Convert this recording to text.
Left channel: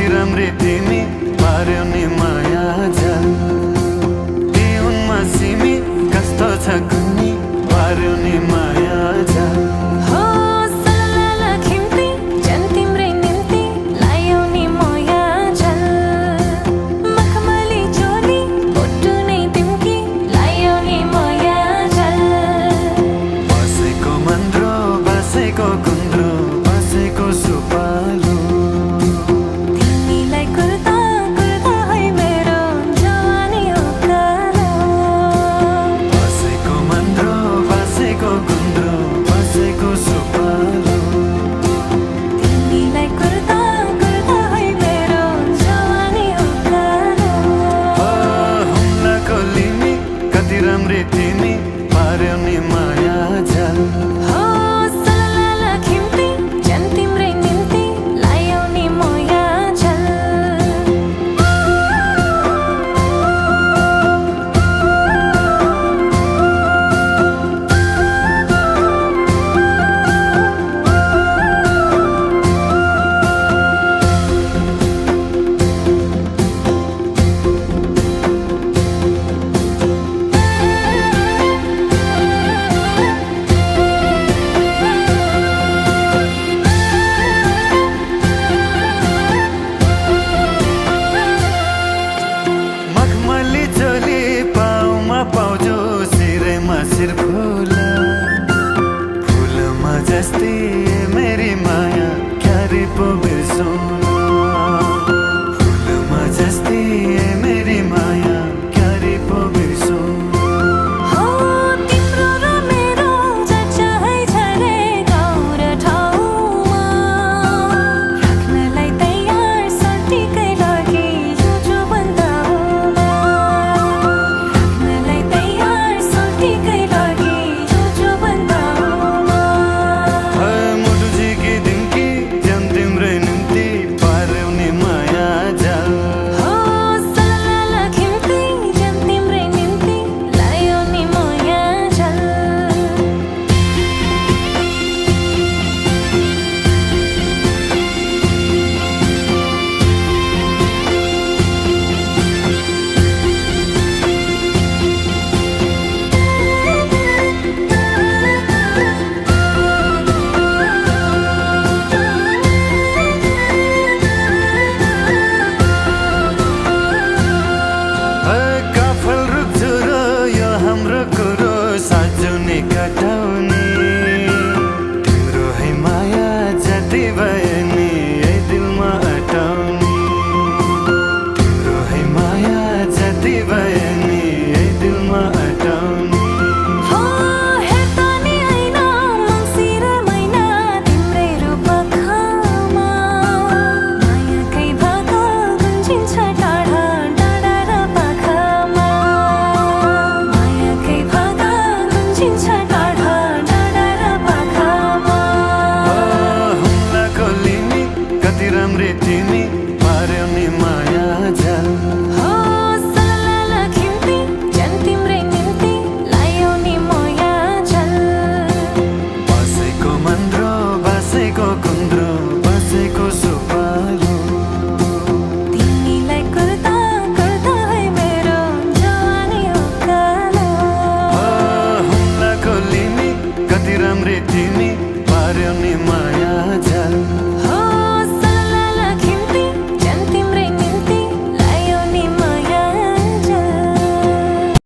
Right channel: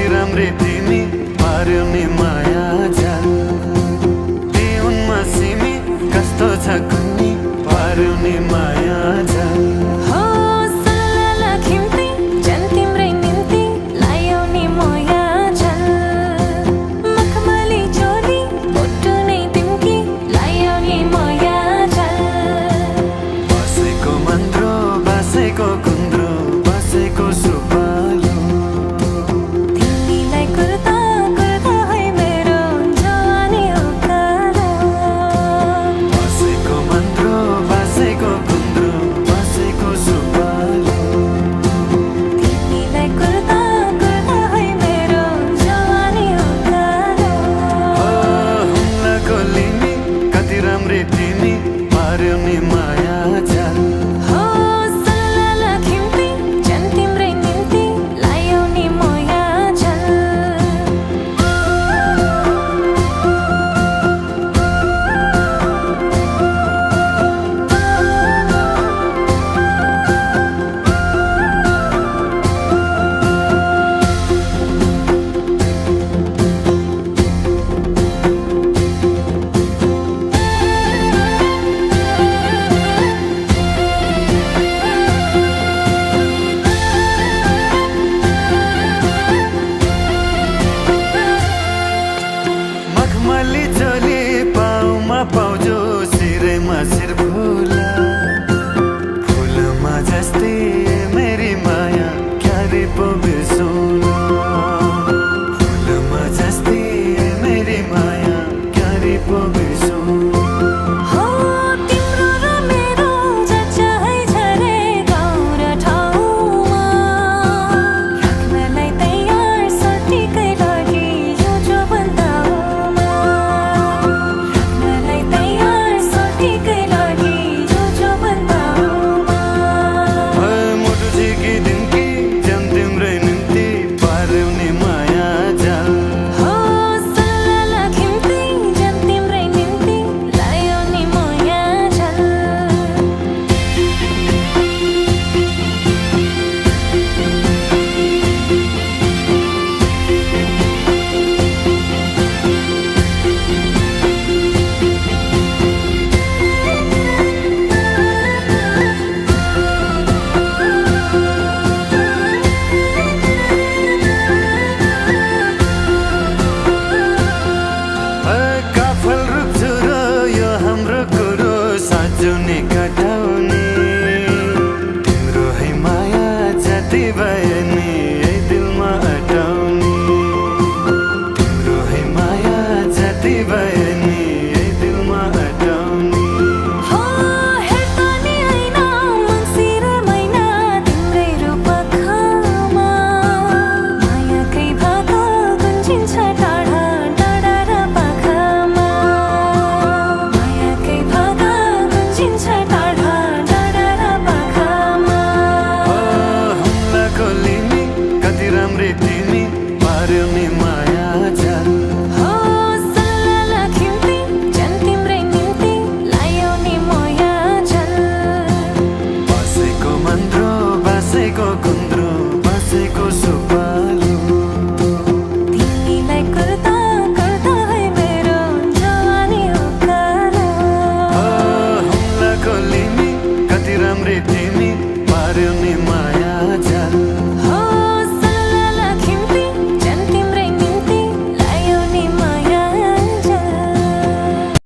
कति राम्री तिमी पार्यौ नि माया जाल दिउनमा सिमी कस्तो छ कुन्नी पार्यौ नि माया जाल हो सलला खिम्ती जन तिम्रै निम्ति लायौ नि माया जाल मखमली चोली बोटु नै तिम्की लायौ नि माया जाल बसेको मन्द्रो बसेको गुन्द्रो बसेको सुपालो तिमीलाई कुर्ता कुर्ता है मेरो जवानी उकालो बसेको मन्द्रो बसेको गुन्द्रो बसेको सुपालो तिमीलाई कुर्ता कुर्ता है मेरो जवानी उकालो हुम्लाको लिमी कति राम्री तिमी पार्यौ नि माया जाल हो सलला खिम्ती जन तिम्रै निम्ति लायौ नि माया जाल मखमली चोली पाउमा पाउजो सिरैमा सिर फुला फुलमा जस्तै मेरी माया क्यारे पो बिर्सौँ फुलमा जस्तै मेरी माया क्यारे पो बिर्सौँ हो तिम्रो र मेरो चर्चा है झरे गाउँ र ठाउँमा राख्नलाई तयार सर्टिकै लागि यो जोबन्दाउमा राख्नलाई तयार सर्टिकै लागि यो जोबन्दाउमा मुटु झिकी दिम्की जन तिम्रै निम्ति पार्यौ नि माया जाल हो सलला खिम्ती जन तिम्रै निम्ति लायौ नि माया जाल काफल रुख्छु र यो हाम्रो कुरो साँचो नि कटाउने तिम्रो है माया जति भए नि